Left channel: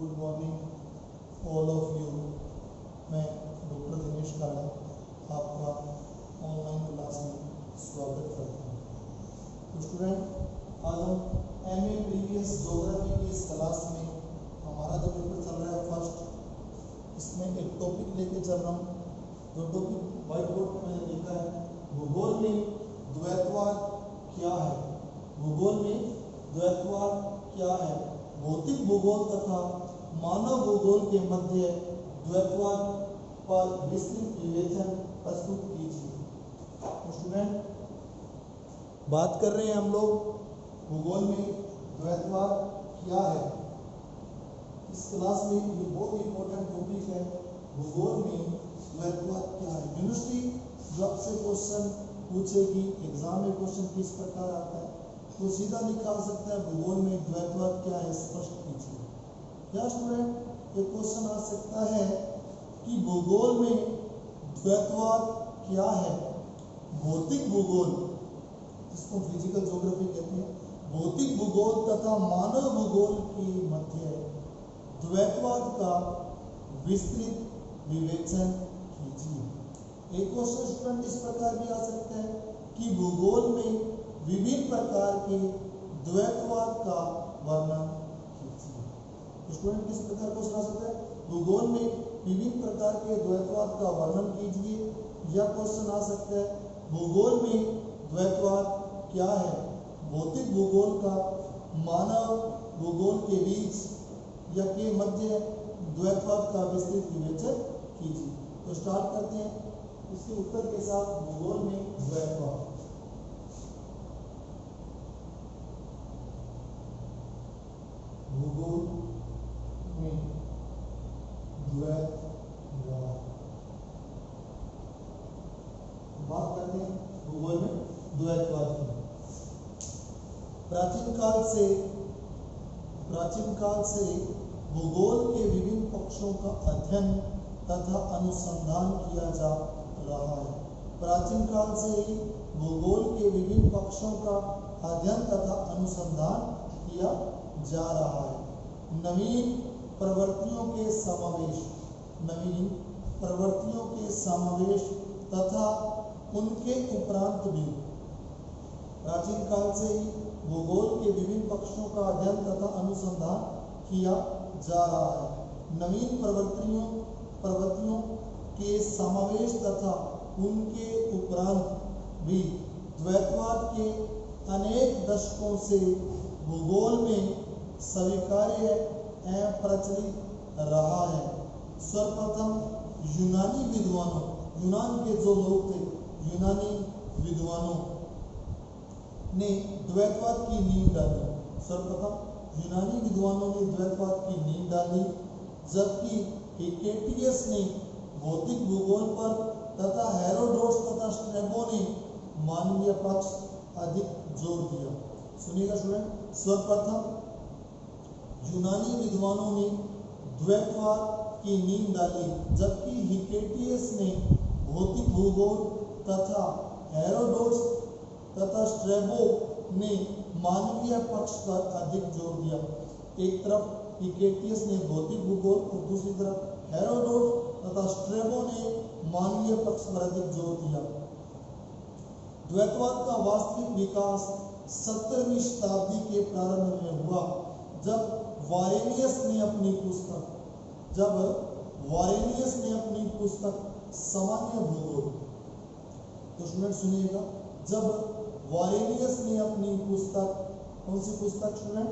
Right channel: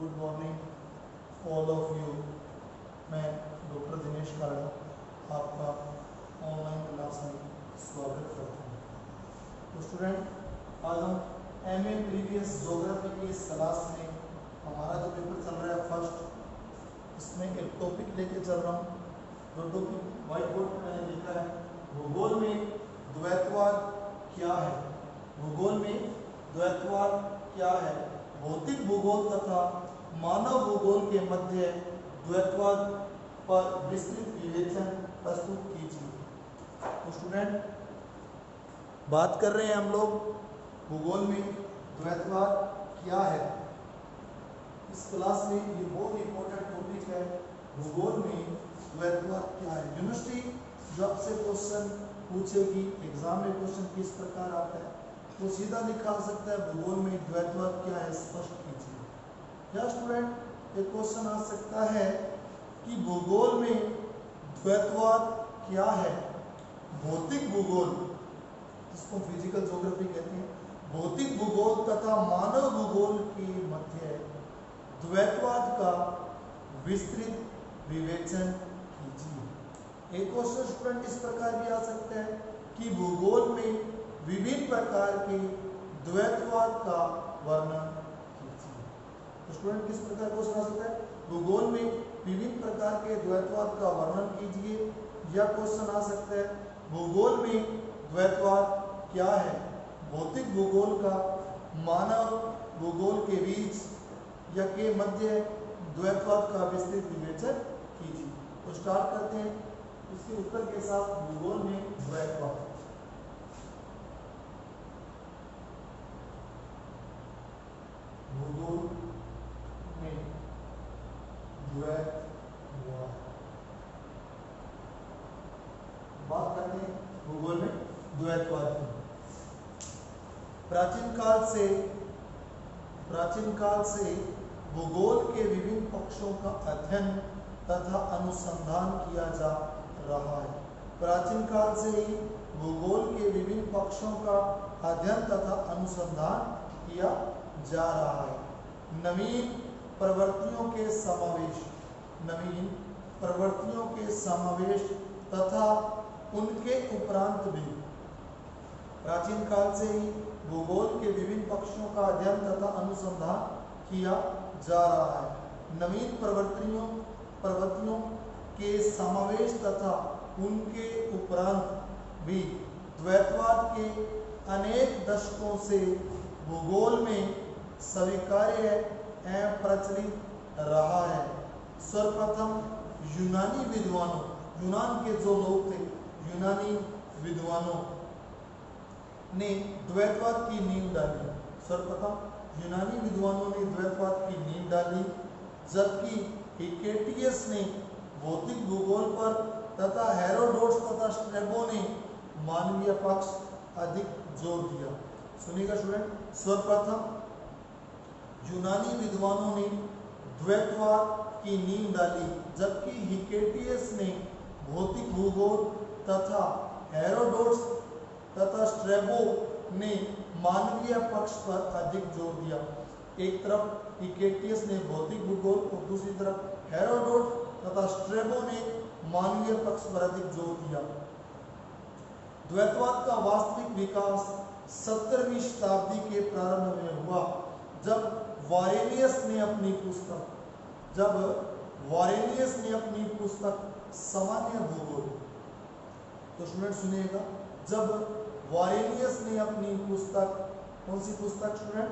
Good morning all of you. मैं doctor Dinesh काड़ा आपका ऑनलाइन क्लास में स्वागत करता हूँ। तो स्टूडेंट, आज हम एमए प्रीवियस ज्योग्राफी की इस क्लास में हमारा जो पेपर चल रहा है फर्स्ट, इसमें एक टॉपिक लेके चल रहा हूँ। जो टॉपिक व्हाइट बोर्ड पर मैंने लिखा है, भूगोल में द्वैतवाद क्या है। भूगोल में द्वैतवाद क्या है? भौतिक भूगोल तथा मानव भूगोल के मध्य द्वैतवाद पर विस्तृत विवेचन प्रस्तुत कीजिए। तो स्टूडेंट, बात कर रहे हैं हम लोग भूगोल में द्वैतवाद क्या है। इस क्लास में ये बहुत इंपॉर्टेंट टॉपिक है, भूगोल में द्वैतवाद क्या है। यूनिवर्सिटी जो आपसे क्वेश्चन पूछेगी, एग्जाम में क्वेश्चन किस प्रकार आता है, तो सीधा लिखा सकता है भूगोल में द्वैतवाद क्या है, स्पष्ट कीजिए। या स्टूडेंट, एक क्वेश्चन आ सकता है कि भूगोल में द्वैतवाद क्या है। भौतिक भूगोल, इसको फिजिकल ज्योग्राफी कहते हैं, भौतिक भूगोल तथा मानव भूगोल के मध्य द्वैतवाद का विस्तृत विवेचन कीजिए। एक क्वेश्चन स्टूडेंट इस प्रकार भी आ सकता है कि भूगोल में विभिन्न प्रकार के द्वैतवाद का वर्णन कीजिए। तो स्टूडेंट, किस प्रकार क्वेश्चन आ सकता है, भूगोल में विभिन्न प्रकार के द्वैतवाद का वर्णन कीजिए। या क्वेश्चन आ सकता है भूगोल में द्वैतवाद क्या है। भौतिक भूगोल का मानव भूगोल के बीच या के मध्य द्वैतवाद का विस्तृत विवेचन कीजिए। तो स्टार्ट करते हैं इसके उत्तर के साथ। भूगोल में द्वैतवाद, भूगोल में द्वैतवाद, बात करते हैं भूगोल में द्वैतवाद की। प्राचीन काल से भूगोल के विभिन्न पक्षों का अध्ययन तथा अनुसंधान किया जा रहा है। प्राचीन काल से ही भूगोल के विभिन्न पक्षों का अध्ययन तथा अनुसंधान किया जा रहा है। नवीन प्रवृत्तियों के समावेश तथा उनके उपरांत भी प्राचीन काल से ही भूगोल के विभिन्न पक्षों का अध्ययन तथा अनुसंधान किया जा रहा है। नवीन प्रवृत्तियों के समावेश तथा उनके उपरांत भी द्वैतवाद के अनेक दशकों से भूगोल में स्वीकार्य एवं प्रचलित रहा है। सर्वप्रथम यूनान के जो लोग थे, यूनानी विद्वानों ने द्वैतवाद की नींव डाली। सर्वप्रथम यूनानी विद्वानों ने द्वैतवाद की नींव डाली, जबकि हिकेटियस ने भौतिक भूगोल पर तथा हेरोडोटस तथा स्ट्रैबो ने मानवीय पक्ष अधिक जोर दिया। सुनिएगा स्टूडेंट, सर्वप्रथम यूनानी विद्वानों ने द्वैतवाद की नींव डाली, जबकि हिकेटियस ने भौतिक भूगोल तथा हेरोडोटस तथा स्ट्रैबो ने मानवीय पक्ष पर अधिक जोर दिया। एक तरफ हिकेटियस ने भौतिक भूगोल और दूसरी तरफ हेरोडोटस तथा स्ट्रैबो ने मानवीय पक्ष पर अधिक जोर दिया। द्वैतवाद का वास्तविक विकास 17वीं शताब्दी के प्रारंभ में हुआ, जब वारेनियस ने अपनी पुस्तक सामान्य भूगोल, तो स्टूडेंट सुनिएगा, जब वारेनियस ने अपनी पुस्तक, कौन सी पुस्तक स्टूडेंट,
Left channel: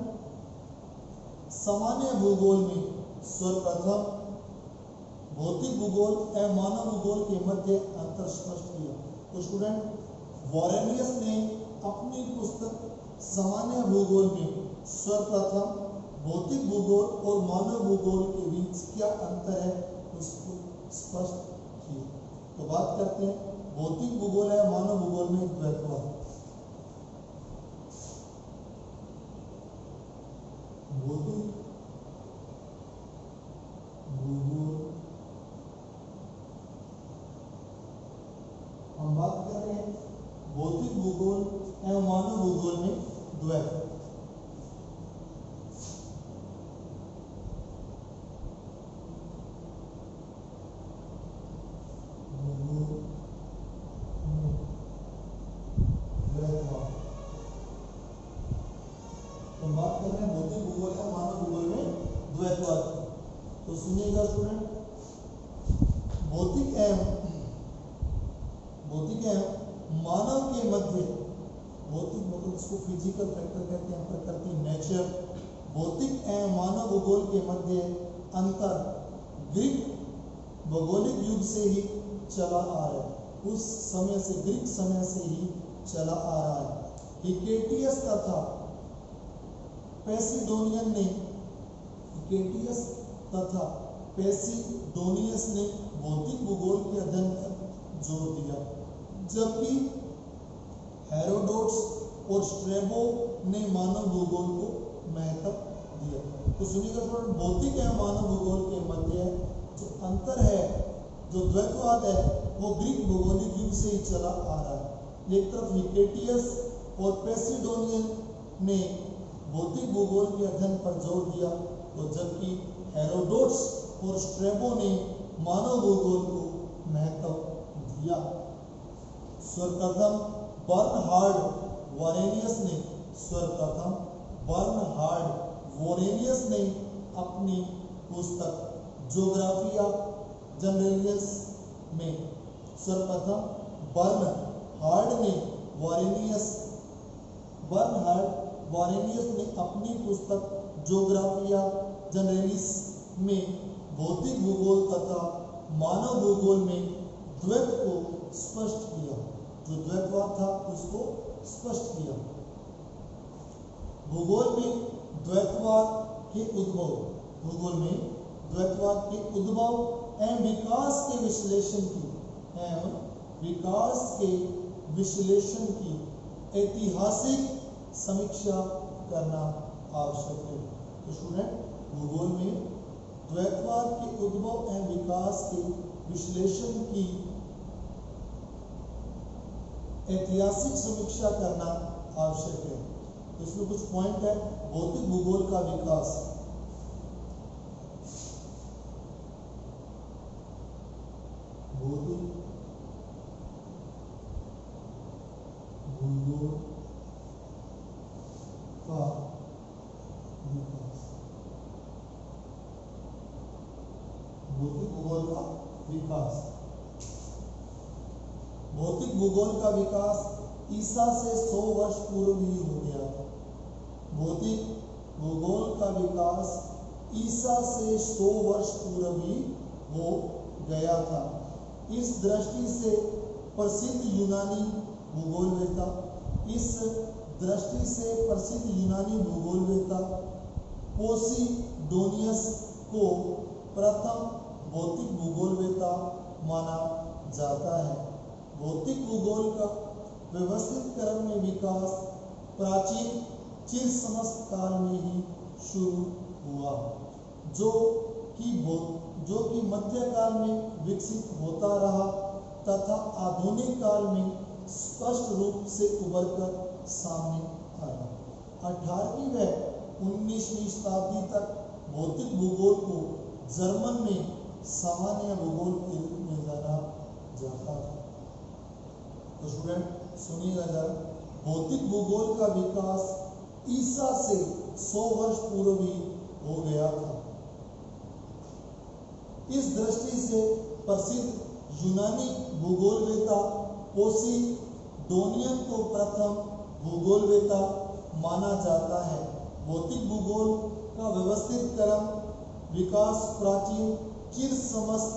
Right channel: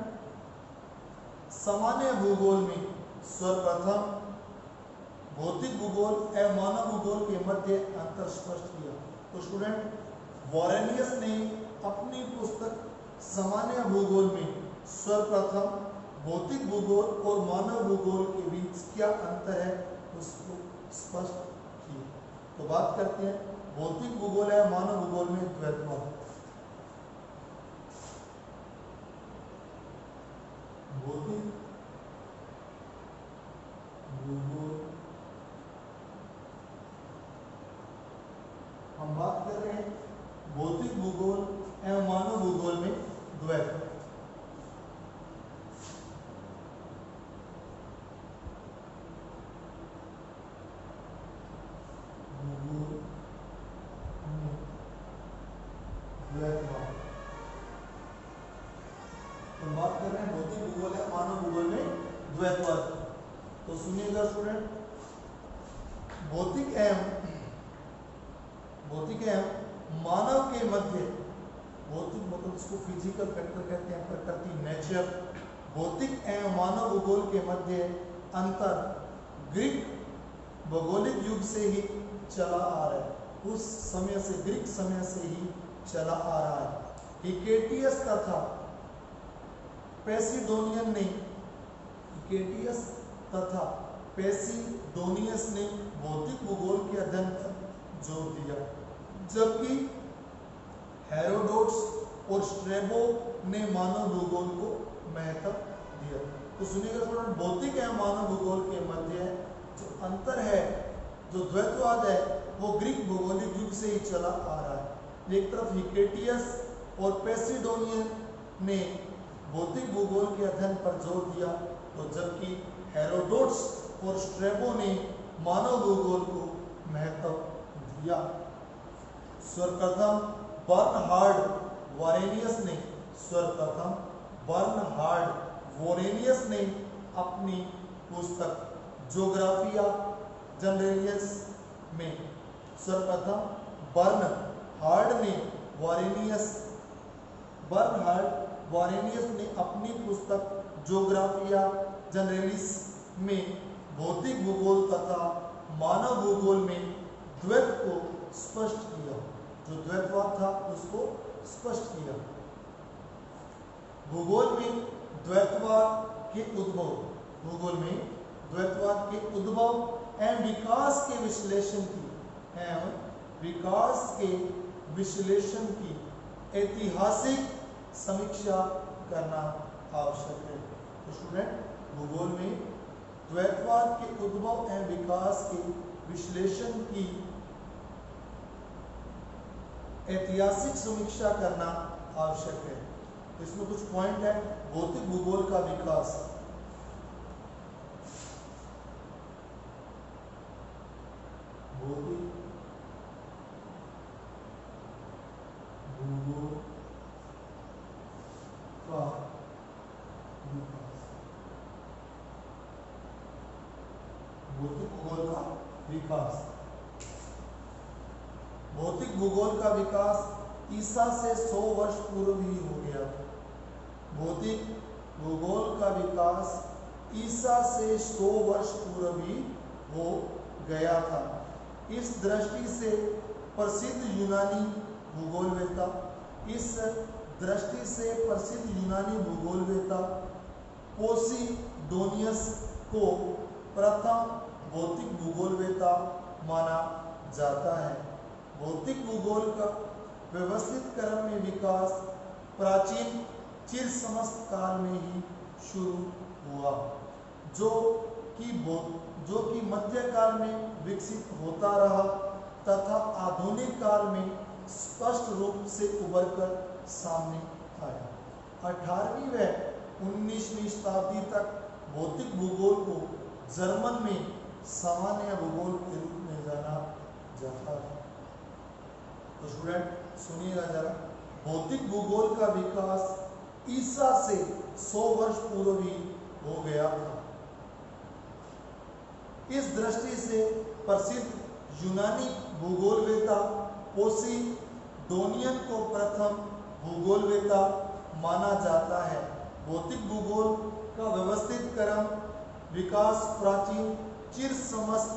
सामान्य भूगोल में सर्वप्रथम भौतिक भूगोल एवं मानव भूगोल के मध्य अंतर स्पष्ट किया। तो स्टूडेंट, वारेनियस ने अपनी पुस्तक सामान्य भूगोल में सर्वप्रथम भौतिक भूगोल और मानव भूगोल के बीच क्या अंतर है उसको स्पष्ट किया। तो बात करते हैं भौतिक भूगोल है मानव भूगोल में द्वैतवाद। भौतिक भूगोल, हम बात कर रहे हैं भौतिक भूगोल एवं मानव भूगोल में द्वैत। हम बात कर रहे हैं भौतिक भूगोल है मानव भूगोल में द्वैतवाद। तो सुनिएगा स्टूडेंट, भौतिक एवं मानव के मध्य, भौतिक मतलब इसको फिजिकल फैक्टर कहते हैं, प्रकृति, नेचर। भौतिक एवं मानव भूगोल के मध्य अंतर ग्रीक भौगोलिक युग से ही चला आ रहा है। उस समय से, ग्रीक समय से ही चला आ रहा है। हिकेटियस तथा पेसिडोनियन ने, हिकेटियस तथा पेसिडोनियस ने भौतिक भूगोल के अध्ययन पर जोर दिया, जबकि हेरोडोट्स और स्ट्रैबो ने मानव भूगोल को महत्व दिया। तो सुनिएगा स्टूडेंट, भौतिक एवं मानव भूगोल के मध्य जो अंतर है, जो द्वैतवाद है, वो ग्रीक भौगोलिक युग से ही चला आ रहा है। एक तरफ हिकेटियस और पेसिडोनियन ने भौतिक भूगोल के अध्ययन पर जोर दिया, तो जबकि हेरोडोट्स और स्ट्रैबो ने मानव भूगोल को महत्व दिया। सर्वप्रथम बर्नहार्ड वोरेनियस ने अपनी पुस्तक ज्योग्राफिया जनरलिस में, सर्वप्रथम बर्नहार्ड वोरेनियस ने अपनी पुस्तक ज्योग्राफिया जनरलिस में भौतिक भूगोल तथा मानव भूगोल में द्वैत को स्पष्ट किया। जो द्वैतवाद था उसको स्पष्ट किया। भूगोल में द्वैतवाद के उद्भव एवं विकास के विश्लेषण की ऐतिहासिक समीक्षा करना आवश्यक है। तो स्टूडेंट, भूगोल में द्वैतवाद के उद्भव एवं विकास के विश्लेषण की ऐतिहासिक समीक्षा करना आवश्यक है। इसमें कुछ पॉइंट है। भौतिक भूगोल का विकास, भौतिक भूगोल का विकास, भौतिक भूगोल का विकास, भौतिक भूगोल का विकास ईसा से 100 वर्ष पूर्व ही हो गया था। भौतिक भूगोल का विकास ईसा से 100 वर्ष पूर्व ही हो गया था। इस दृष्टि से प्रसिद्ध यूनानी भूगोलवेत्ता पोसिडोनियस को प्रथम भौतिक भूगोलवेत्ता माना जाता है। भौतिक भूगोल का व्यवस्थित क्रम में विकास प्राचीन चिर समस्त काल में ही शुरू हुआ, जो कि मध्यकाल में विकसित होता रहा तथा आधुनिक काल में स्पष्ट रूप से उभरकर सामने आया। 18वीं व 19वीं शताब्दी तक भौतिक भूगोल को जर्मन में सामान्य भूगोल के रूप में जाना जाता है। तो स्टूडेंट सुनिएगा जरा, भौतिक भूगोल का विकास ईसा से 100 वर्ष पूर्व ही हो गया था। इस दृष्टि से प्रसिद्ध यूनानी भूगोलवेत्ता पोसिडोनियस को प्रथम भूगोलवेत्ता माना जाता है। भौतिक भूगोल का व्यवस्थित क्रम विकास प्राचीन चिर समस्त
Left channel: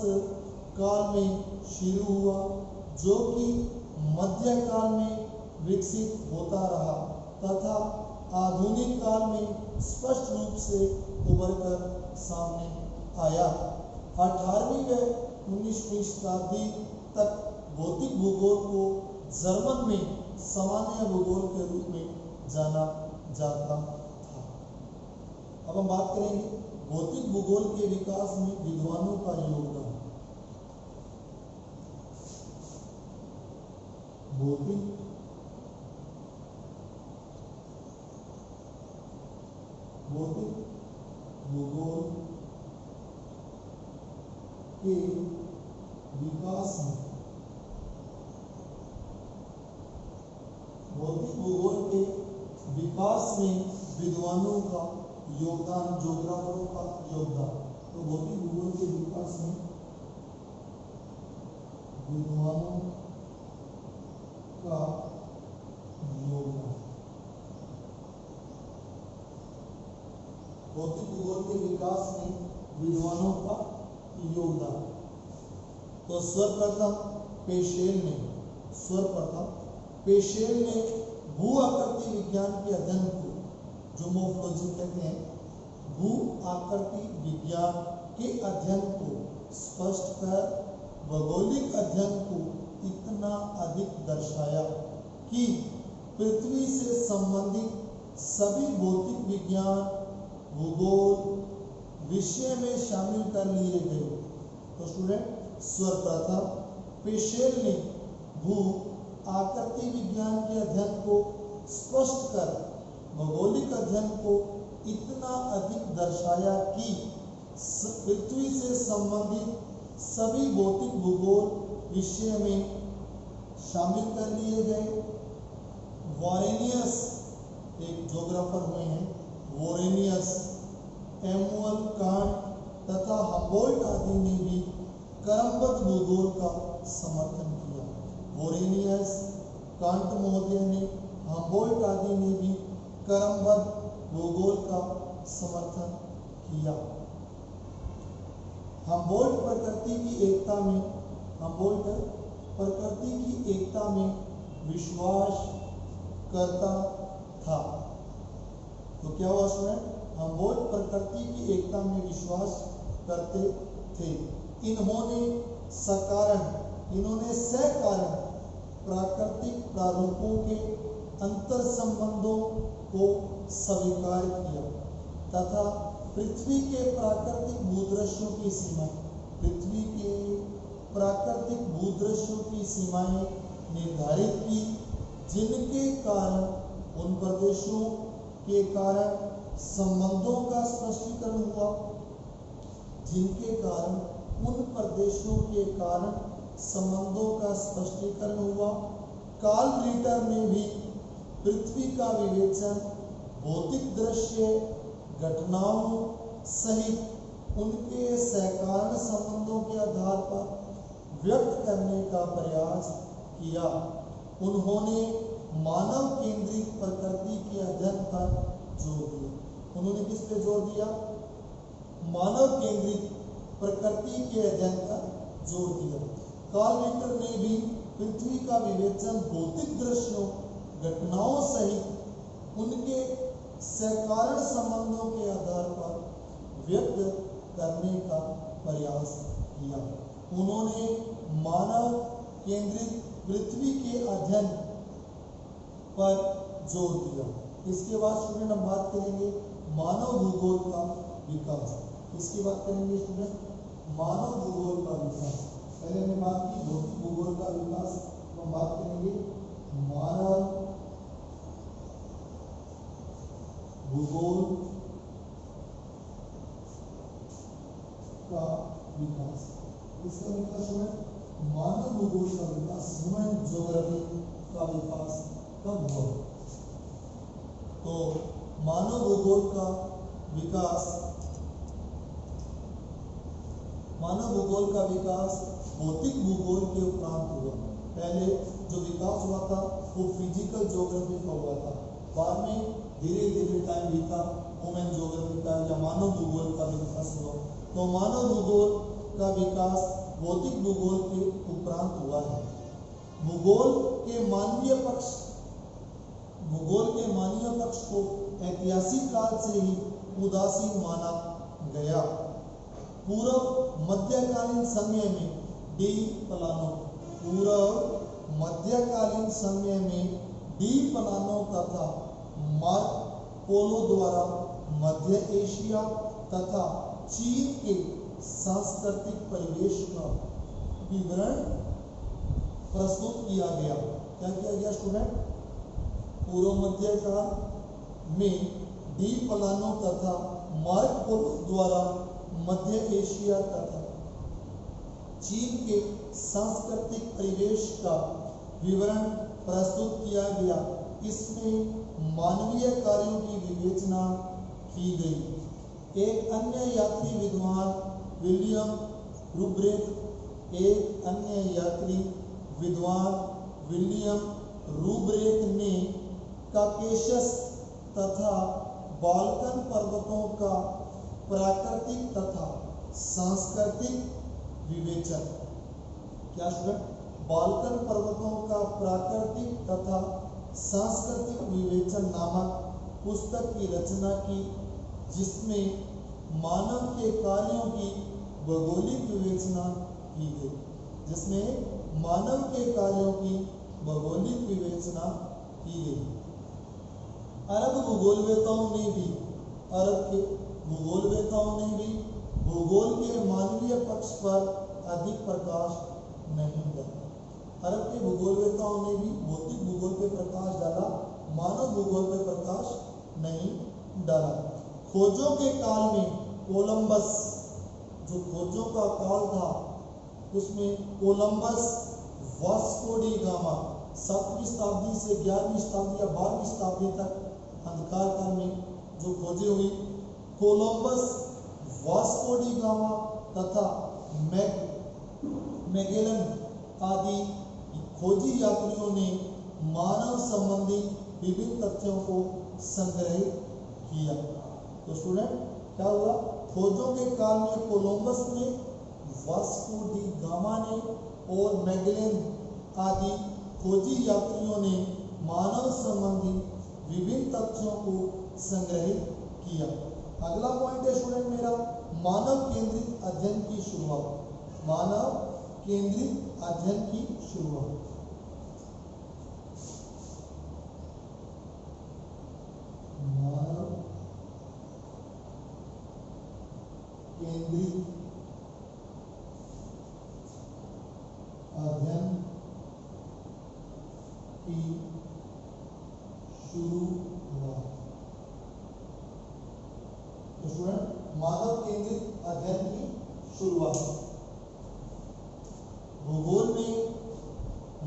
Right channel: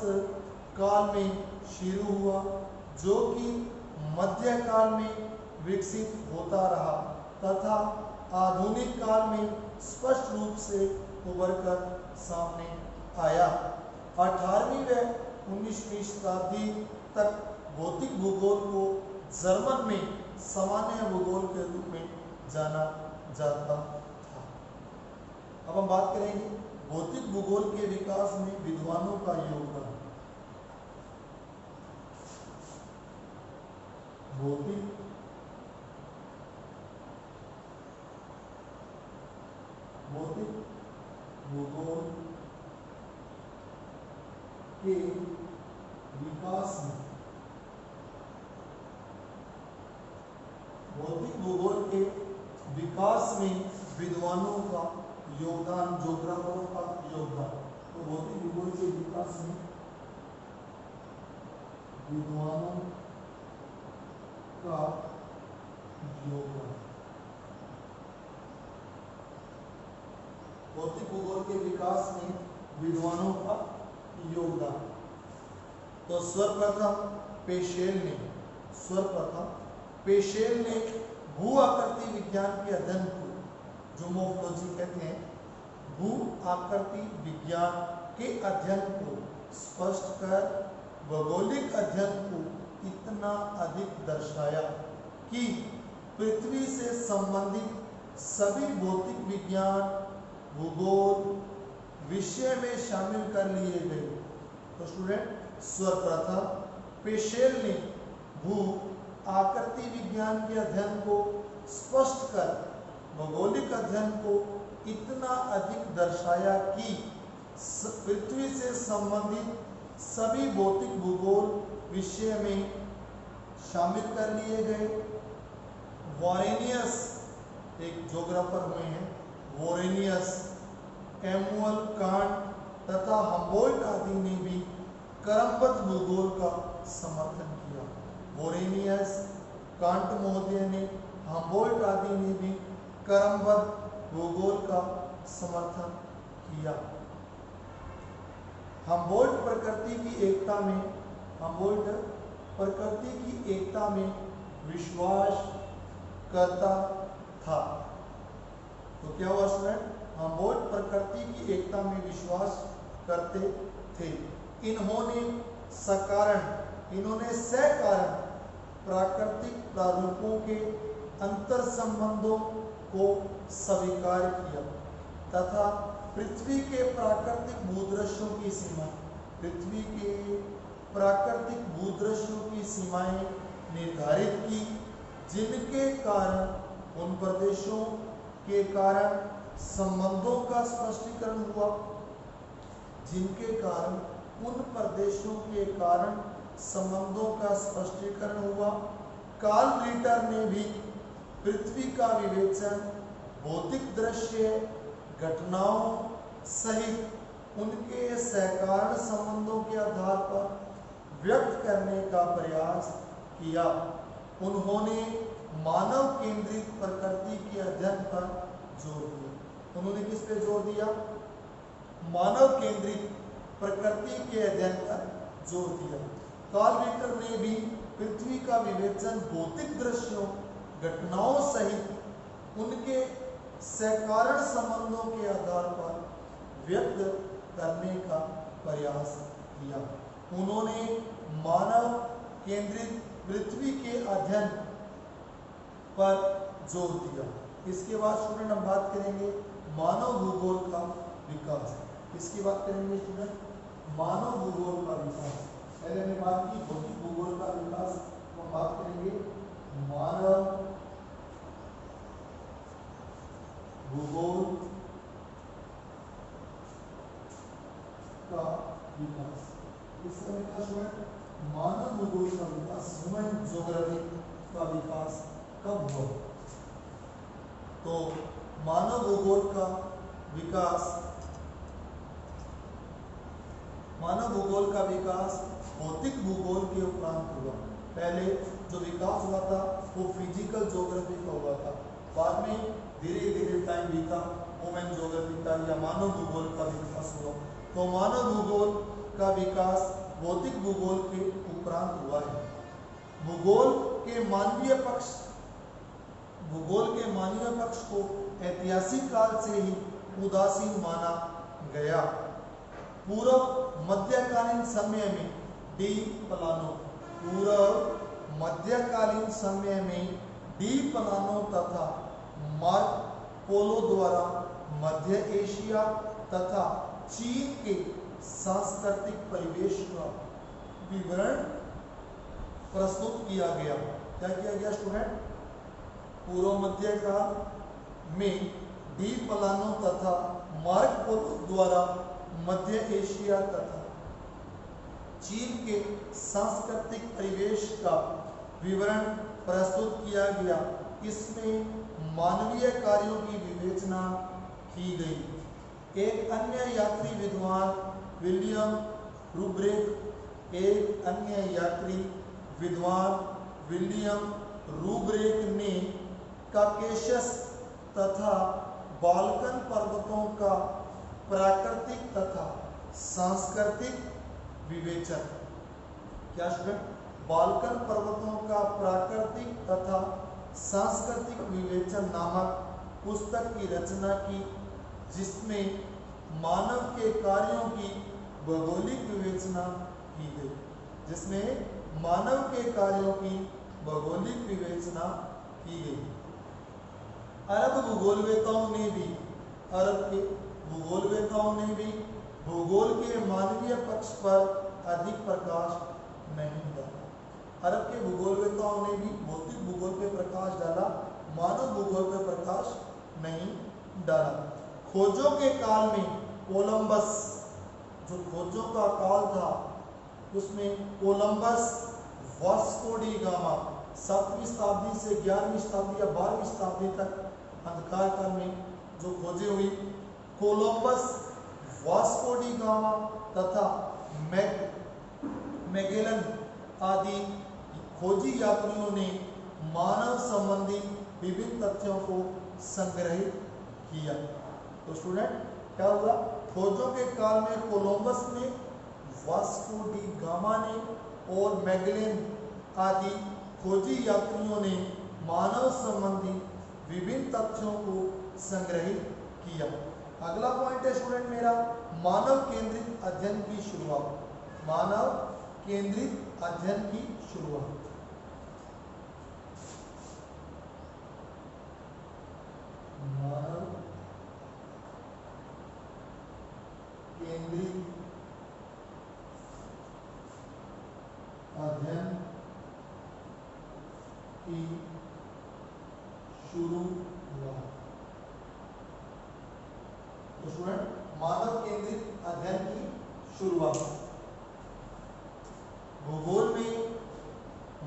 काल में शुरू हुआ, जो कि मध्यकाल में विकसित होता रहा तथा आधुनिक काल में स्पष्ट रूप से उभरकर सामने आया। 18वीं व 19वीं शताब्दी तक भौतिक भूगोल को जर्मन में सामान्य भूगोल के रूप में जाना जाता था। अब हम बात करेंगे भौतिक भूगोल के विकास में विद्वानों का योगदान। भौतिक भूगोल के विकास में, भौतिक भूगोल के विकास में विद्वानों का योगदान, ज्योग्राफरों का योगदान। तो भौतिक भूगोल के विकास में विद्वानों का योगदान, भौतिक भूगोल के विकास में विद्वानों का योगदान। तो सर्वप्रथम पेशेल ने भू आकृति विज्ञान के अध्ययन को, जो मोर्फोलॉजी कहते हैं, भू आकृति विज्ञान के अध्ययन को स्पष्ट कर भौगोलिक अध्ययन को इतना अधिक दर्शाया कि पृथ्वी से संबंधित सभी भौतिक विज्ञान, भूगोल विषय में शामिल कर लिए गए। तो स्टूडेंट, सर्वप्रथम पेशेल ने भू आकृति विज्ञान के अध्ययन को स्पष्ट कर भौगोलिक अध्ययन को इतना अधिक दर्शाया कि पृथ्वी से संबंधित सभी भौतिक भूगोल विषय में शामिल कर लिए गए। वॉरेनियस एक ज्योग्राफर हुए हैं, वॉरेनियस, एमुअल कांट तथा हम्बोल्ट आदि ने भी क्रमबद्ध भूगोल का समर्थन किया। वॉरेनियस, कांट महोदय ने, हम्बोल्ट आदि ने भी क्रमबद्ध भूगोल का समर्थन किया। हम्बोल्ट प्रकृति की एकता में विश्वास करता था। तो क्या हुआ स्टूडेंट? हम्बोल्ट प्रकृति की एकता में विश्वास करते थे। इन्होंने सकारण प्राकृतिक प्रारूपों के अंतर संबंधों को स्वीकार किया तथा पृथ्वी के प्राकृतिक भूदृश्यों की सीमाएं निर्धारित की, जिनके कारण उन प्रदेशों के कारण संबंधों का स्पष्टीकरण हुआ। कार्ल रिटर ने भी पृथ्वी का विवेचन भौतिक दृश्य घटनाओं सहित उनके सहकारण संबंधों के आधार पर व्यक्त करने का प्रयास किया। उन्होंने मानव केंद्रित प्रकृति के अध्ययन पर जोर दिया। उन्होंने किस पे जोर दिया? मानव केंद्रित प्रकृति के अध्ययन पर जोर दिया। कार्ल रिटर ने भी पृथ्वी का विवेचन भौतिक दृश्यों घटनाओं सहित उनके सहकारण संबंधों के आधार पर व्यक्त करने का प्रयास किया। उन्होंने मानव केंद्रित पृथ्वी के अध्ययन पर जोर दिया। इसके बाद स्टूडेंट हम बात करेंगे मानव भूगोल का विकास। इसकी बात करेंगे स्टूडेंट, मानव भूगोल का विकास। पहले हमने बात की भौतिक भूगोल का विकास, तो हम बात करेंगे मानव भूगोल का विकास। इसका विकास मानव भूगोल का विकास, ह्यूमन ज्योग्राफी का विकास कब हुआ? तो मानव भूगोल का विकास भौतिक भूगोल के उपरांत हुआ। पहले जो विकास हुआ था वो फिजिकल ज्योग्राफी का हुआ था, बाद में धीरे धीरे टाइम बीता ह्यूमन ज्योग्राफी का या मानव भूगोल का विकास हुआ। तो मानव भूगोल का विकास भौतिक भूगोल के उपरांत हुआ है। भूगोल के मानवीय पक्ष को ऐतिहासिक काल से ही उदासीन माना गया। पूर्व मध्यकालीन समय में डी प्लानो तथा मार्क पोलो द्वारा मध्य एशिया तथा चीन के सांस्कृतिक परिवेश का विवरण प्रस्तुत किया गया। क्या किया गया स्टूडेंट? पूर्व मध्य काल में डी प्लानो तथा मार्क पोलो द्वारा मध्य एशिया तथा चीन के सांस्कृतिक परिवेश का विवरण प्रस्तुत किया गया। इसमें मानवीय कार्यों की विवेचना की गई। एक अन्य यात्री विद्वान विलियम रूब्रेक ने काकेशस तथा बाल्कन पर्वतों का प्राकृतिक तथा सांस्कृतिक विवेचन, क्या स्टूडेंट, बाल्कन पर्वतों का प्राकृतिक तथा सांस्कृतिक विवेचन नामक पुस्तक की रचना की, जिसमें मानव के कार्यों की भौगोलिक विवेचना की गई। जिसमें मानव के कार्यों की भौगोलिक विवेचना की गई। अरब के भूगोलवेताओं ने भी भूगोल के मानवीय पक्ष पर अधिक प्रकाश नहीं डाला। अरब के भूगोलवेताओं ने भी भौतिक भूगोल पे प्रकाश डाला, मानव भूगोल पे प्रकाश नहीं डाला। खोजों के काल में कोलंबस, जो खोजों का काल था उसमें कोलंबस, वास्को डी गामा 7वीं शताब्दी से 11वीं शताब्दी या 12वीं शताब्दी तक अंधकार काल में जो खोजें हुई, कोलंबस, वास्को डी गामा तथा मैगेलन आदि खोजी यात्रियों ने मानव संबंधी विभिन्न तथ्यों को संग्रहित किया। तो स्टूडेंट क्या हुआ, खोजों के काल में कोलंबस ने, वास्को डी गामा ने और मैगेलन आदि खोजी यात्रियों ने मानव संबंधी विभिन्न तथ्यों को संग्रहित किया। अगला पॉइंट है स्टूडेंट मेरा, मानव केंद्रित अध्ययन की शुरुआत। मानव केंद्रित अध्ययन की शुरुआत। मानव केंद्रित अध्ययन की शुरुआत। तो स्टूडेंट मानव केंद्रित अध्ययन की शुरुआत। भूगोल में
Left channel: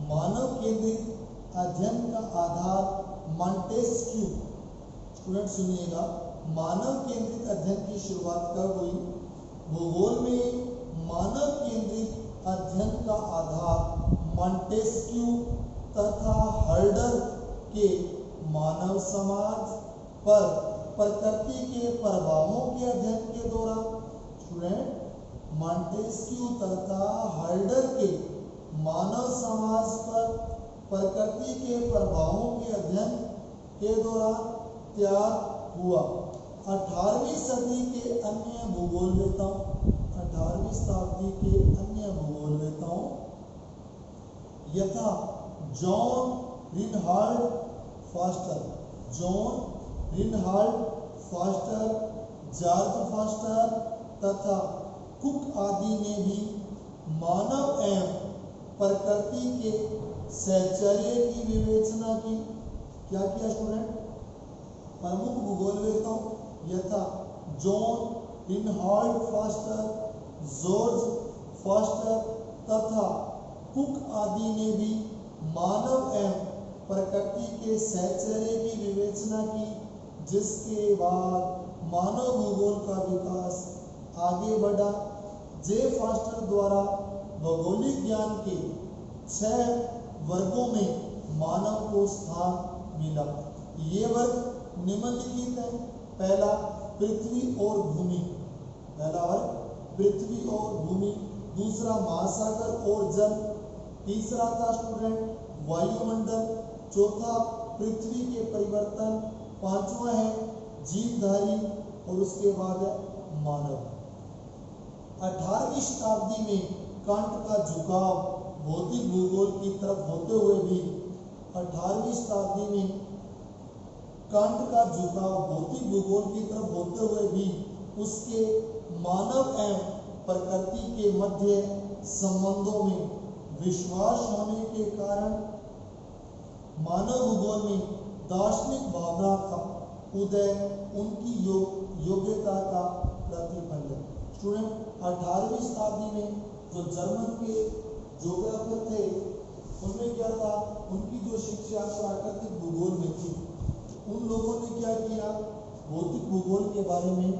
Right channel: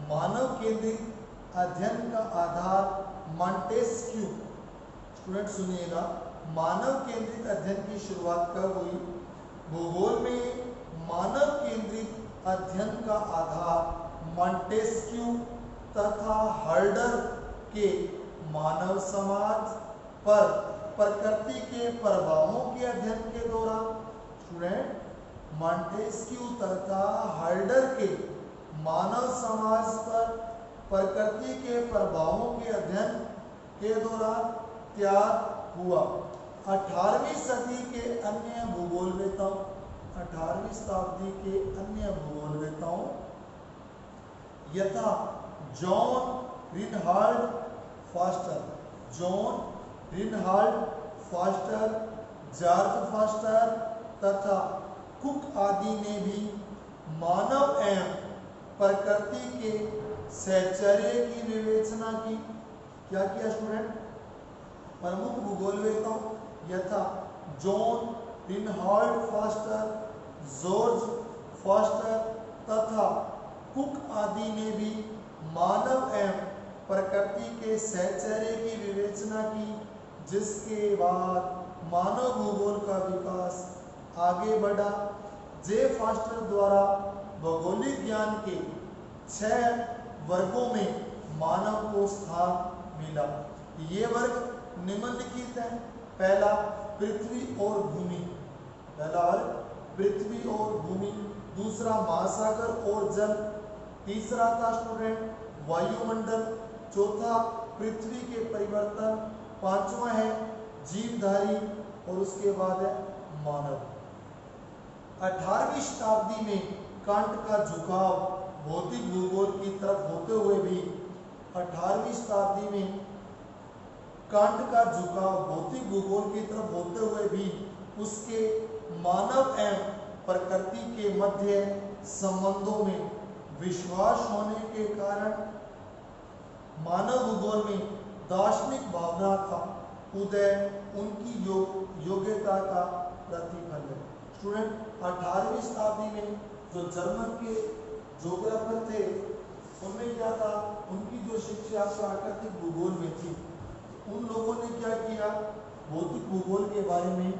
मानव केंद्रित अध्ययन का आधार मॉन्टेस्क्यू, स्टूडेंट सुनिएगा, मानव केंद्रित अध्ययन की शुरुआत कब हुई? भूगोल में मानव केंद्रित अध्ययन का आधार मॉन्टेस्क्यू तथा हर्डर के मानव समाज पर प्रकृति के प्रभावों के अध्ययन के दौरान, स्टूडेंट मॉन्टेस्क्यू तथा हर्डर के मानव समाज पर प्रकृति के प्रभावों के अध्ययन के दौरान तैयार हुआ। 18वीं सदी के अन्य भूगोलवेताओं, 18वीं शताब्दी के अन्य भूगोलवेताओं यथा जॉन रिनहाल्ड फास्टर, जॉर्ज फास्टर तथा कुक आदि ने भी मानव एवं प्रकृति के सहचर्य की विवेचना की। क्या किया स्टूडेंट? प्रमुख भूगोलवेताओं यथा जॉन रिनहाल्ड फास्टर, जॉर्ज फास्टर तथा कुक आदि ने भी मानव एवं प्रकृति के सहचर्य की विवेचना की, जिसके बाद मानव भूगोल का विकास आगे बढ़ा। जे फास्टर द्वारा भौगोलिक ज्ञान के 6 वर्गों में मानव को स्थान मिला। ये वर्ग निम्नलिखित है। पहला पृथ्वी और भूमि, पहला वर्ग पृथ्वी और भूमि, दूसरा महासागर और जल, तीसरा था स्टूडेंट वायुमंडल, चौथा पृथ्वी के परिवर्तन, पांचवा है जीवधारी और उसके बाद है मानव। 18वीं शताब्दी में कांट का झुकाव भौतिक भूगोल की तरफ होते हुए भी 18वीं शताब्दी में कांट का झुकाव भौतिक भूगोल की तरफ होते हुए भी उसके मानव एवं प्रकृति के मध्य संबंधों में विश्वास होने के कारण मानव भूगोल में दार्शनिक भावना का उदय उनकी योग्यता का प्रतिफल है। स्टूडेंट 18वीं शताब्दी में जो जर्मन के ज्योग्राफर थे, उनमें क्या था, उनकी जो शिक्षा प्राकृतिक भूगोल में थी, उन लोगों ने क्या किया, भौतिक भूगोल के बारे में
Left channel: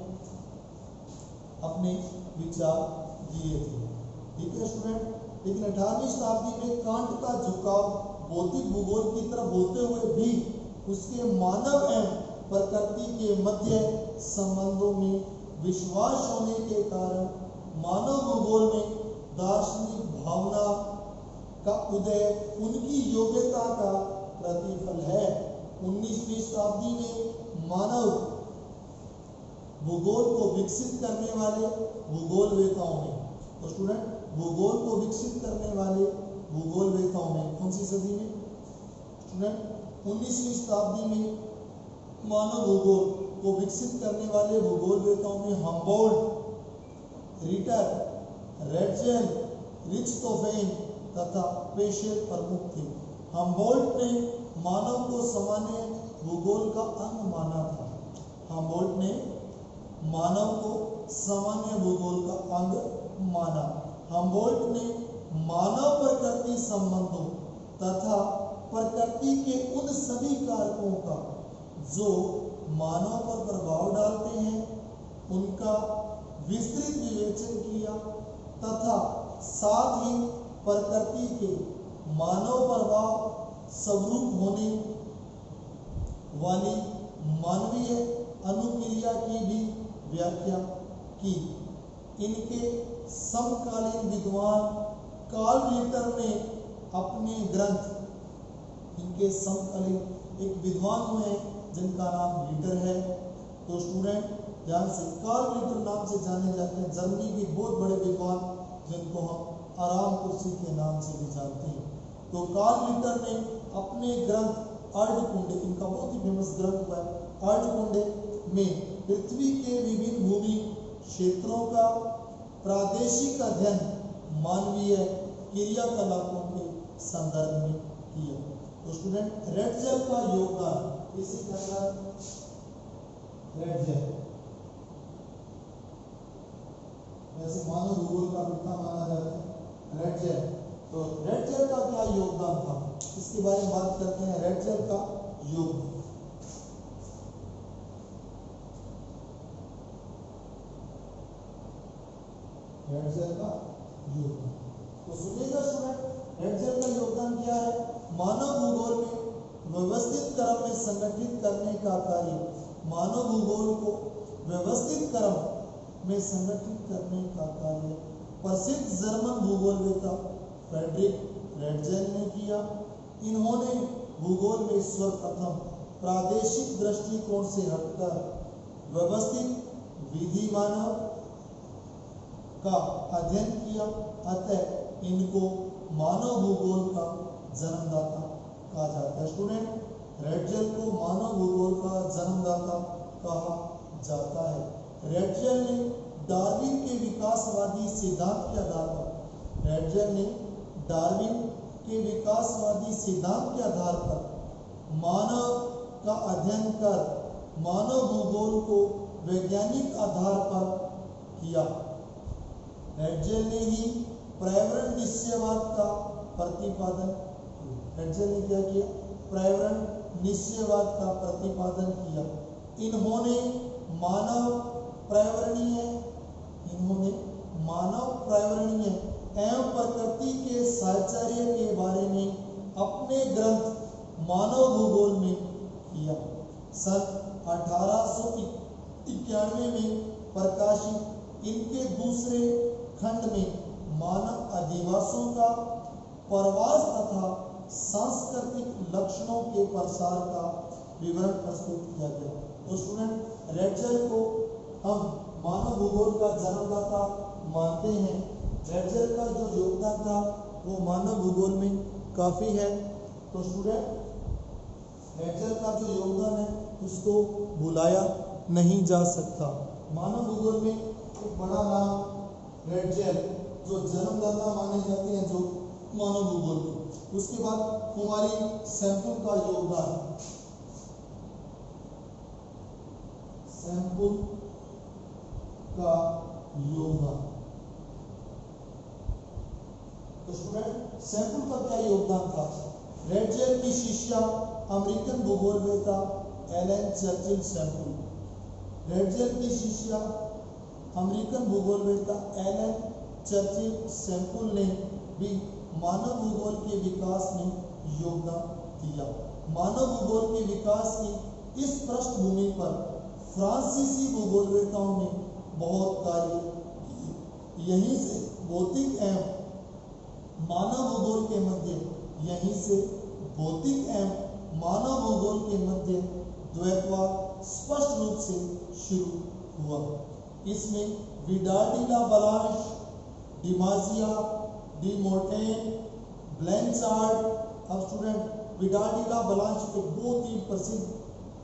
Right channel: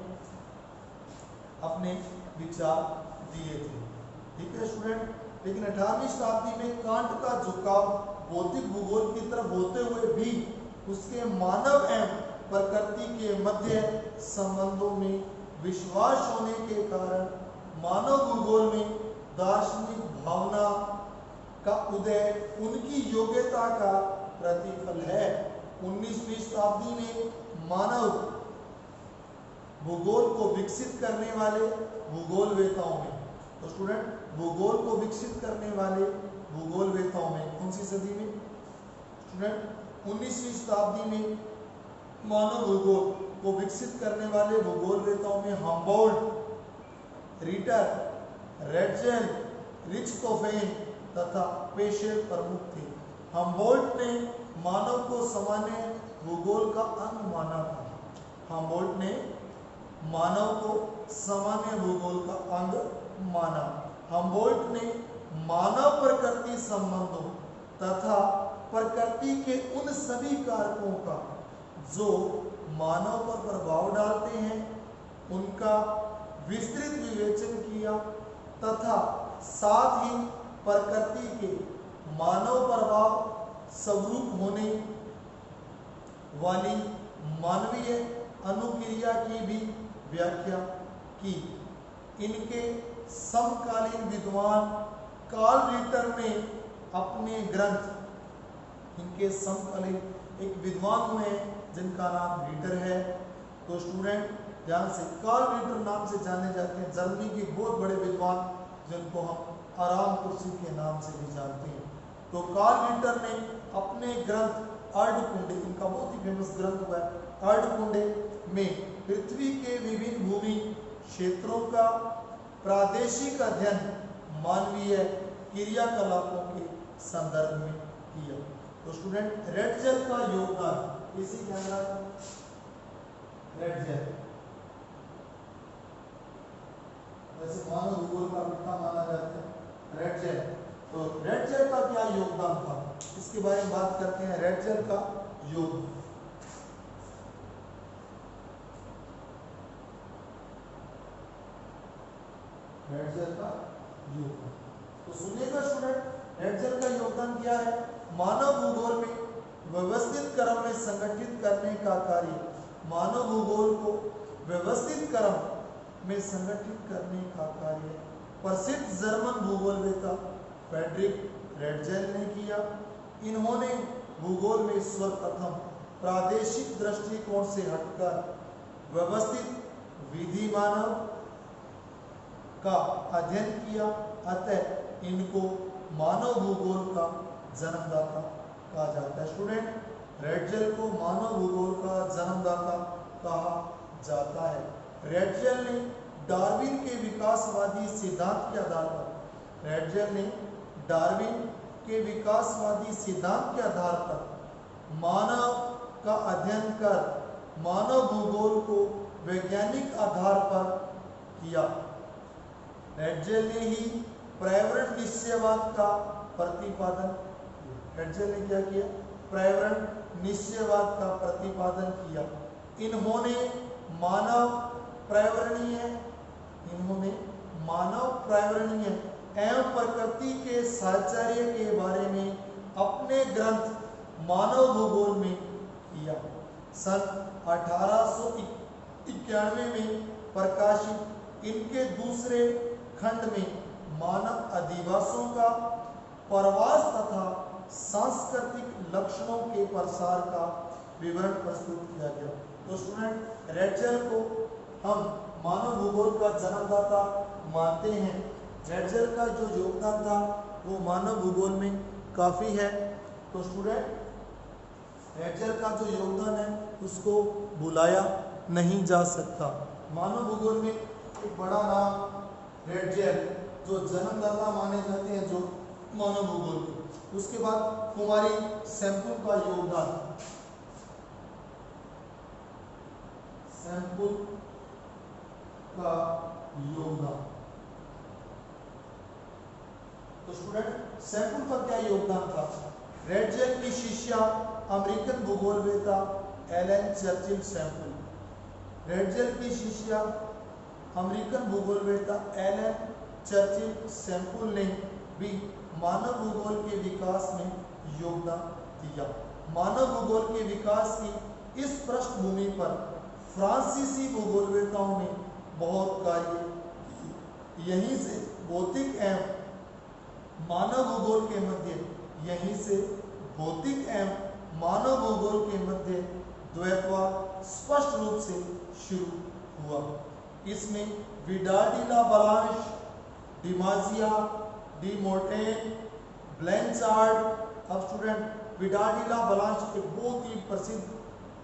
अपने विचार दिए थे। ठीक है स्टूडेंट, लेकिन 18वीं शताब्दी में कांट का झुकाव भौतिक भूगोल की तरफ होते हुए भी उसके मानव एवं प्रकृति के मध्य संबंधों में विश्वास होने के कारण मानव भूगोल में दार्शनिक भावना का उदय उनकी योग्यता का प्रतिफल है। 19वीं शताब्दी में मानव भूगोल को विकसित करने वाले भूगोलवेताओं में, तो स्टूडेंट भूगोल को विकसित करने वाले भूगोलवेताओं में कौन सी सदी में स्टूडेंट, 19वीं शताब्दी में मानव भूगोल को विकसित करने वाले भूगोलवेताओं में हम्बोल्ट, रिटर, रेडजेल, रिच्टहोफेन तथा पेशेल प्रमुख थे। हम्बोल्ट ने मानव को सामान्य भूगोल का अंग माना था। हम्बोल्ट ने मानव को सामान्य भूगोल का अंग माना। हम्बोल्ट ने मानव प्रकृति संबंधों तथा प्रकृति के उन सभी कारकों का जो मानव पर प्रभाव डालते हैं उनका विस्तृत विवेचन किया तथा साथ ही प्रकृति के मानव प्रभाव स्वरूप होने वाली मानवीय अनुक्रिया की भी व्याख्या की। इनके समकालीन विद्वान कार्ल रिटर ने अपने ग्रंथ, इनके समकालीन एक विद्वान हुए जिनका नाम रिटर है, तो स्टूडेंट ध्यान से कार्ल रिटर नाम से जाने जाते हैं, जर्मनी के बहुत बड़े विद्वान जिनको हम आराम कुर्सी के नाम से भी जानते हैं। तो कार्ल रिटर ने अपने ग्रंथ अर्धकुंडे, इनका बहुत ही फेमस ग्रंथ हुआ है अर्धकुंडे में पृथ्वी के विभिन्न भूमि क्षेत्रों का प्रादेशिक अध्ययन मानवीय क्रियाकलापों के संदर्भ में किया। तो स्टूडेंट रेडजेल का योगदान, इसी के अंदर रेडजेल वैसे मानव भूगोल का पिता माना जाता है रेडजेल, तो रेडजेल का क्या योगदान था इसके बारे में बात करते हैं। रेडजेल का योगदान, रेडजेल का योगदान, तो सुनिएगा स्टूडेंट रेडजेल का योगदान क्या है। मानव भूगोल में व्यवस्थित क्रम में संगठित करने का कार्य, मानव भूगोल को व्यवस्थित क्रम में संगठित करने का कार्य प्रसिद्ध जर्मन भूगोलवेता फ्रेडरिक रेडजेल ने किया। इन्होंने भूगोल में सर्वप्रथम प्रादेशिक दृष्टिकोण से हटकर व्यवस्थित विधि मानव का अध्ययन किया, अतः इनको मानव भूगोल का जन्मदाता कहा जाता है। स्टूडेंट रेडजेल को मानव भूगोल का जन्मदाता कहा जाता है। रेडजेल ने डार्विन के विकासवादी सिद्धांत के आधार पर, रेडजेल ने डार्विन के विकासवादी सिद्धांत के आधार पर मानव का अध्ययन कर मानव भूगोल को वैज्ञानिक आधार पर किया। रेडजेल ने ही पर्यावरण निश्चयवाद का प्रतिपादन किया। रेडजेल ने क्या किया? पर्यावरण निश्चयवाद का प्रतिपादन किया। इन्होंने मानव पर्यावरणीय एवं प्रकृति के साहचर्य के बारे में अपने ग्रंथ मानव भूगोल में किया। सन 1891 में प्रकाशित इनके दूसरे खंड में मानव अधिवासों का प्रवास तथा सांस्कृतिक लक्षणों के प्रसार का विवरण प्रस्तुत किया गया। तो स्टूडेंट रेडजेल को हम मानव भूगोल का जन्मदाता मानते हैं। रेडजेल का जो योगदान था वो मानव भूगोल में काफ़ी है। तो स्टूडेंट रेडजेल का जो योगदान है उसको भुलाया नहीं जा सकता। मानव भूगोल में एक बड़ा नाम रेडजेल जो जन्मदाता माने जाते हैं जो मानव भूगोल। उसके बाद कुमारी सैम्पुल का योगदान, सैम्पुल का योगदान। तो स्टूडेंट सैम्पुल का क्या योगदान था? रेडजेल की शिष्या अमेरिकन भूगोलवेता Ellen Churchill Semple. Ratzel की शीशियां अमेरिकन भूगोलवेत्ता एलन चर्चिल सैंपल ने भी मानव भूगोल के विकास में योगदान दिया। मानव भूगोल के विकास की इस पृष्ठभूमि पर फ्रांसीसी भूगोलवेत्ताओं ने बहुत कार्य किए। यहीं से भौतिक एवं मानव भूगोल के मध्य मानव भूगोल के मध्य द्वैतवाद स्पष्ट रूप से शुरू हुआ। इसमें विडाल डी ला बलांश, डिमाजिया, डी मोर्टेन, ब्लैंचार्ड। अब स्टूडेंट विडाल डी ला बलांश एक बहुत ही प्रसिद्ध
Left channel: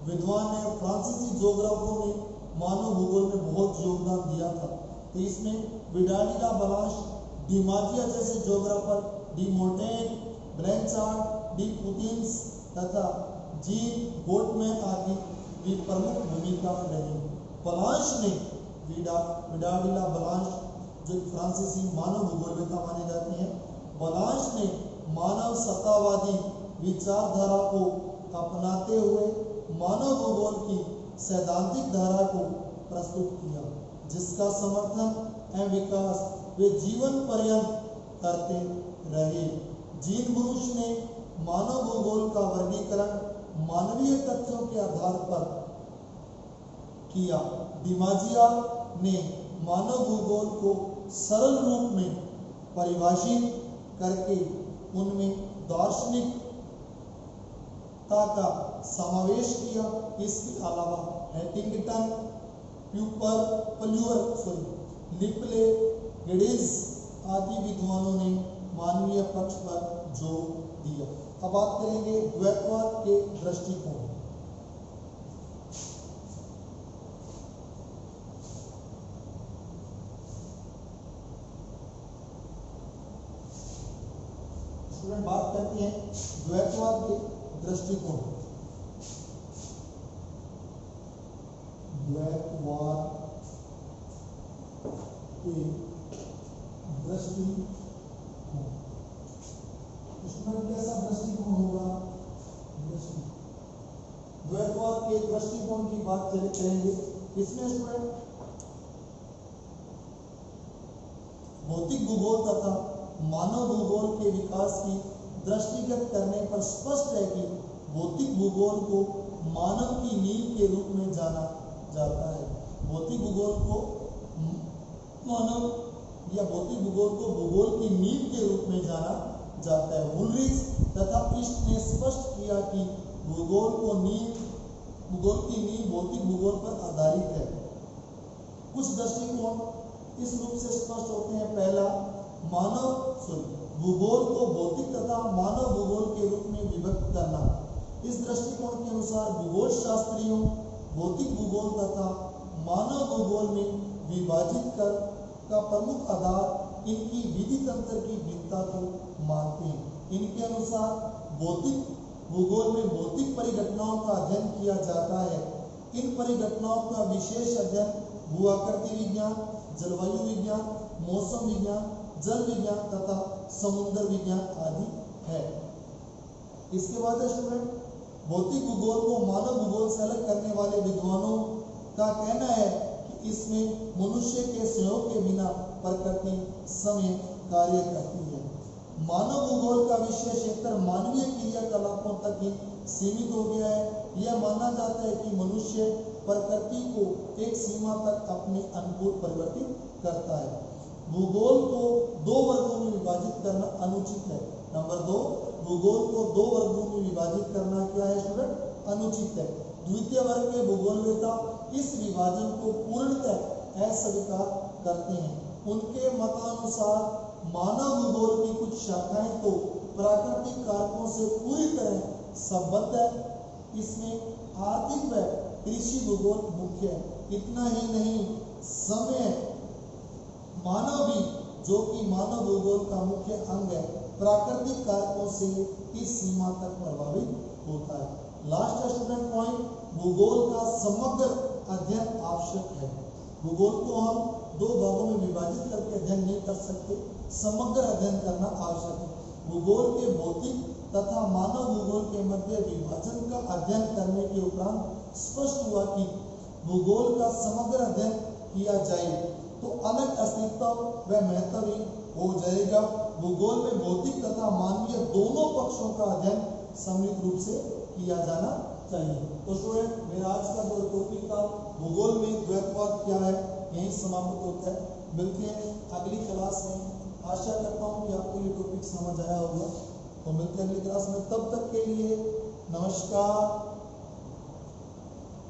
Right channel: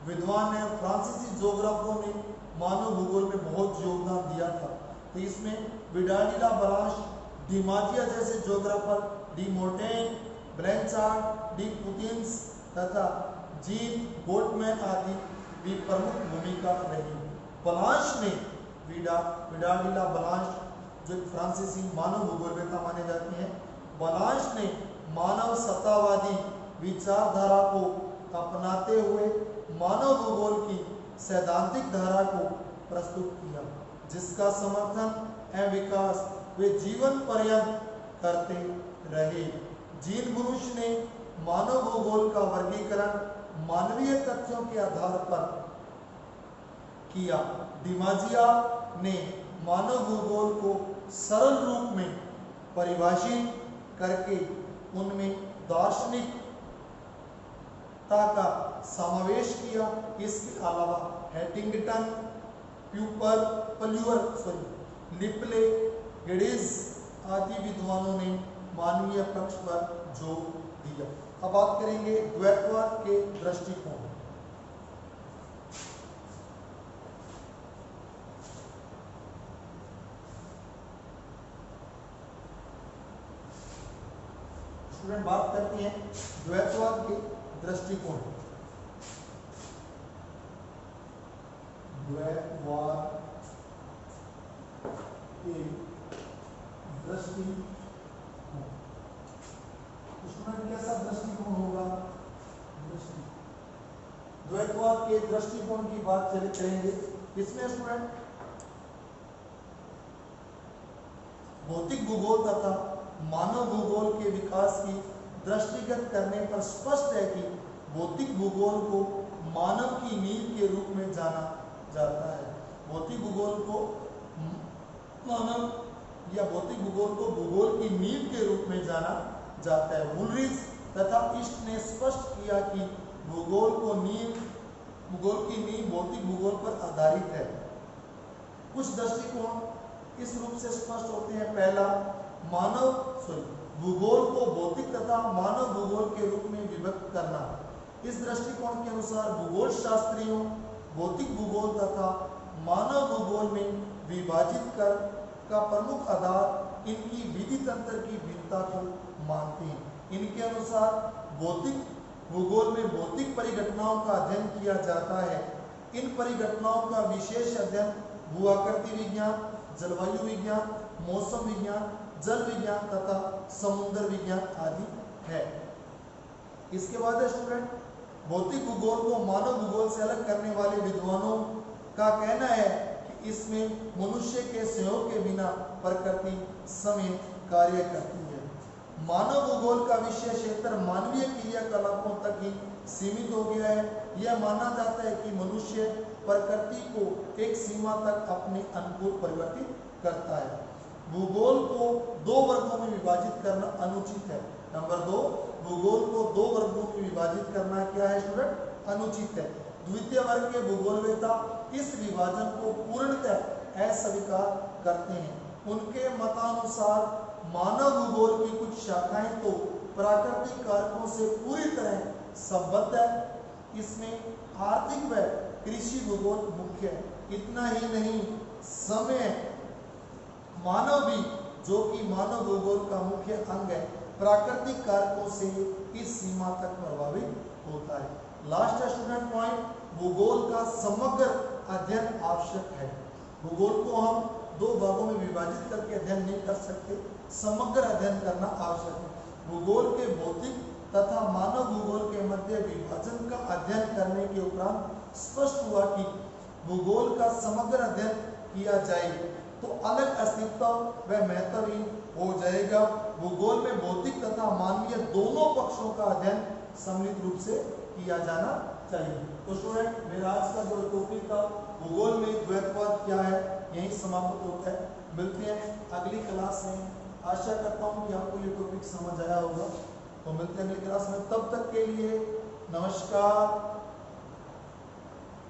विद्वान है। फ्रांसीसी ज्योग्राफरों ने मानव भूगोल में बहुत योगदान दिया था। तो इसमें विडाल डी ला बलांश, डिमाजिया जैसे ज्योग्राफर, डी मोर्टेन, ब्लैंचार्ड, डी पुतिन्स तथा जीन गोल्डमैन आदि भी प्रमुख भूमिका रही। बलांश ने विडाल डी ला बलांश जो फ्रांसीसी मानव भूगोलवेत्ता माने जाते हैं, बलांश ने मानव सत्तावादी विचारधारा को अपनाते हुए मानव भूगोल की सैद्धांतिक धारा को प्रस्तुत किया, जिसका समर्थन एवं विकास वे जीवन पर्यंत करते रहे। जीन बुश ने मानव भूगोल का वर्गीकरण मानवीय तथ्यों के आधार पर किया। डिमाजिया ने मानव भूगोल को सरल रूप में परिभाषित करके उनमें दार्शनिकता का समावेश किया। इसके अलावा हैटिंगटन, लिपले, गिडिज आदि विद्वानों ने मानवीय पक्ष पर जोर दिया। अब बात करेंगे द्वैतवाद के दृष्टिकोण। स्टूडेंट बात करते हैं द्वैतवाद के दृष्टिकोण। द्वैतवाद के दृष्टिकोण स्टूडेंट कैसा दृष्टिकोण होगा? द्वैतवाद के दृष्टिकोण की बात करेंगे। इसमें स्टूडेंट भौतिक भूगोल तथा मानव भूगोल के विकास की दृष्टिगत करने पर स्पष्ट है कि भौतिक भूगोल को मानव की नींव के रूप में जाना जाता है। भौतिक भूगोल को मानव या भौतिक भूगोल को भूगोल की नींव के रूप में जाना जाता है। वुलरिच तथा इस्ट ने स्पष्ट किया कि भूगोल की नींव भौतिक भूगोल पर आधारित है। कुछ दृष्टिकोण इस रूप से स्पष्ट होते हैं। पहला, भूगोल को भौतिक तथा मानव भूगोल के रूप में विभक्त करना। इस दृष्टिकोण के अनुसार भूगोल शास्त्रियों भौतिक भूगोल तथा मानव भूगोल में विभाजित कर का प्रमुख आधार इनकी विधि तंत्र की भिन्नता को मानते हैं। इनके अनुसार भौतिक भूगोल में भौतिक परिघटनाओं का अध्ययन किया जाता है। इन परिघटनाओं का विशेष अध्ययन भूआकृति विज्ञान, जलवायु विज्ञान, मौसम विज्ञान, जल विज्ञान तथा समुद्र विज्ञान आदि है। इसके बाद स्टूडेंट भौतिक भूगोल को मानव भूगोल से अलग करने वाले विद्वानों का कहना है कि इसमें मनुष्य के सहयोग के बिना प्रकृति समय कार्य करती है। मानव भूगोल का विषय क्षेत्र मानवीय क्रियाकलापों तक ही सीमित हो गया है। यह माना जाता है कि मनुष्य प्रकृति को एक सीमा तक अपने अनुकूल परिवर्तित करता है। भूगोल को दो वर्गों में विभाजित करना अनुचित है। नंबर 2, भूगोल को दो वर्गों में विभाजित करना क्या है स्टूडेंट? अनुचित है। द्वितीय वर्ग के भूगोलवेत्ता इस विभाजन को पूर्णतः अस्वीकार करते हैं। उनके मतानुसार मानव भूगोल की कुछ शाखाएं तो प्राकृतिक कारकों से पूरी तरह संबद्ध है। इसमें आर्थिक व कृषि भूगोल मुख्य है। इतना ही नहीं, समय मानव भी, जो कि मानव भूगोल का मुख्य अंग है, प्राकृतिक कारकों से इस सीमा तक प्रभावित होता है। लास्ट स्टूडेंट पॉइंट, भूगोल का समग्र अध्ययन आवश्यक है। भूगोल को हम दो भागों में विभाजित करके अध्ययन नहीं कर सकते, समग्र अध्ययन करना आवश्यक है। भूगोल के भौतिक तथा मानव भूगोल के मध्य विभाजन का अध्ययन करने के उपरांत स्पष्ट हुआ कि भूगोल का समग्र अध्ययन किया जाए तो अलग अस्तित्व व महत्वहीन हो जाएगा। भूगोल में भौतिक तथा मानवीय दोनों पक्षों का अध्ययन सम्मिलित रूप से किया जाना चाहिए। तो स्टूडेंट मेरा आज का जो टॉपिक था भूगोल में द्वैतवाद क्या है यही समाप्त होता है। मिलते हैं अगली क्लास में। आशा करता हूँ कि आपको ये टॉपिक समझ आया होगा। तो मिलते हैं अगली क्लास में, तब तक के लिए नमस्कार।